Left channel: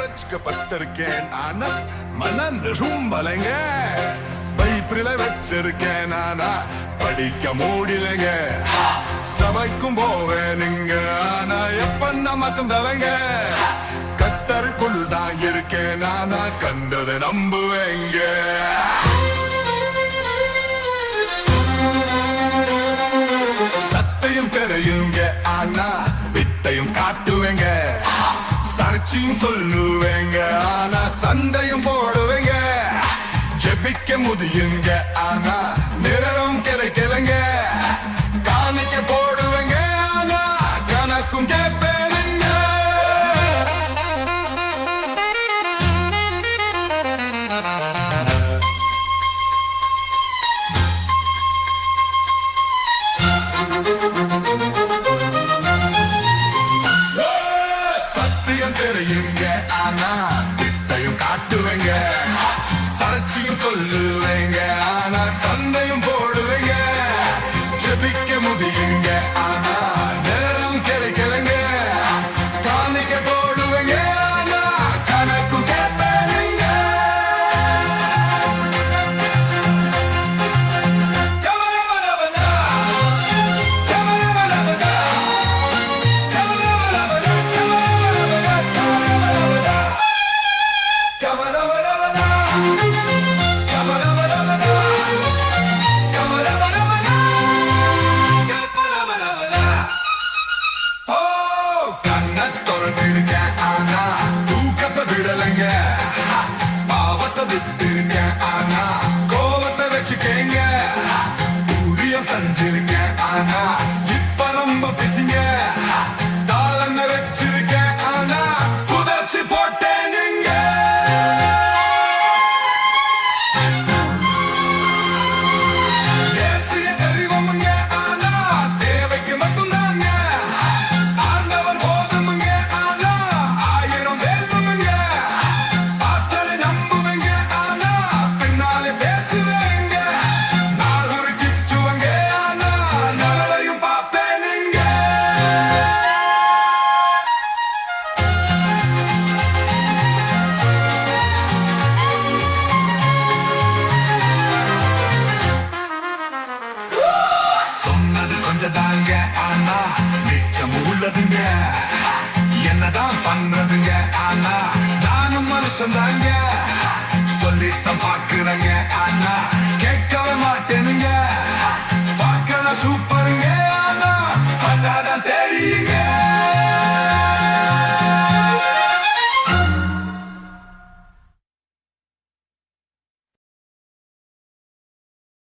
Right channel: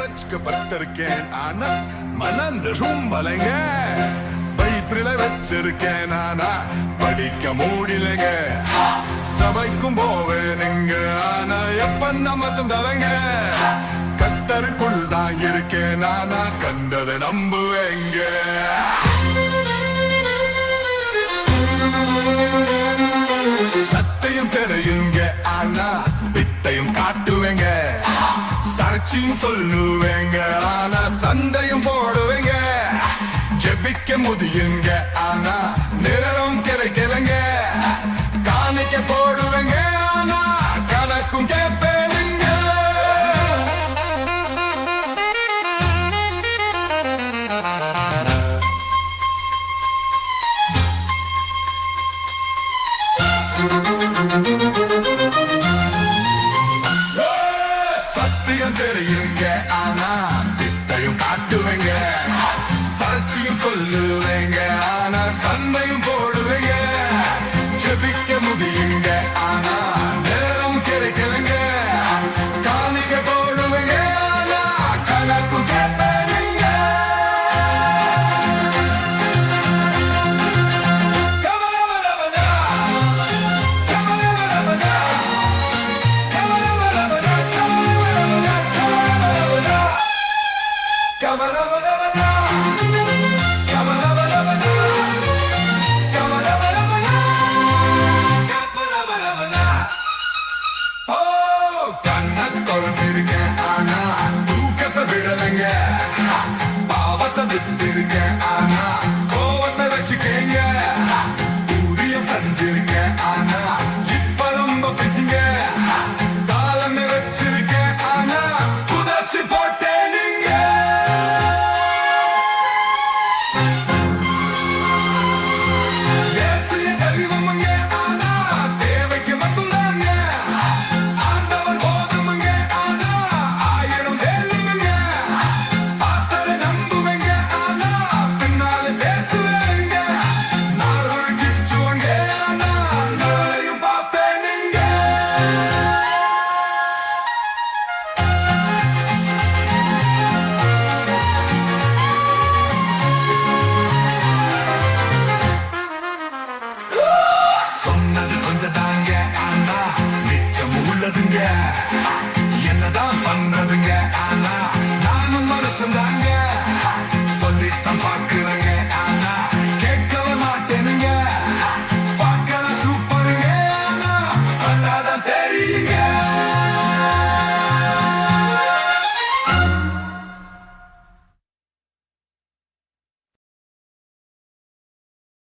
ரசிக்கப்பட்டிருக்கேன் ஆனா மனம் ரொம்பலைங்க பைப்பில வச்சிருக்கேன். ஆனா படிக்க மூடிலங்க. சபைக்கும் போவேனுங்க. ஆனா எப்ப நமக்கும் தலைங்க கத்தருக்குள் தான் இருக்கேன். ஆனா கண்டதை நம்புவேங்க. சத்தையும் தெரியுங்க. ஆனா வித்தையும் காட்டுவேங்க. சாட்சியும் சொல்லுவேங்க. ஆனா சண்டையும் போடுவேங்க. ஜெபிக்க முதியுங்க ஆனா நிறம் கிடைக்கலங்க. சத்தியம் தெரியுங்க. ஆனா திட்டையும் காட்டுவேங்க. சாட்சியும் சொல்லுவேங்க. ஆனா சண்டையும் போடுவேங்க. ஜெபிக்க ஆனா தூக்கத்தை விடலைங்க. பாவத்தை விட்டு ஆனா கோவத்தை வச்சுக்கேங்க. ஊரியம் செஞ்சிருக்கேன் ஆனா deriva mangga கொஞ்சம் தாங்க ஆனா நிச்சம் உள்ளதுங்க. என்னதான் பண்றதுங்க ஆனா நானும் மனுஷன் தாங்க சொல்லித்தான் பாக்குறங்க ஆனா கேட்கவே மாட்டேனுங்க. பார்க்கல சூப்பருங்க ஆனா பண்ணாதான்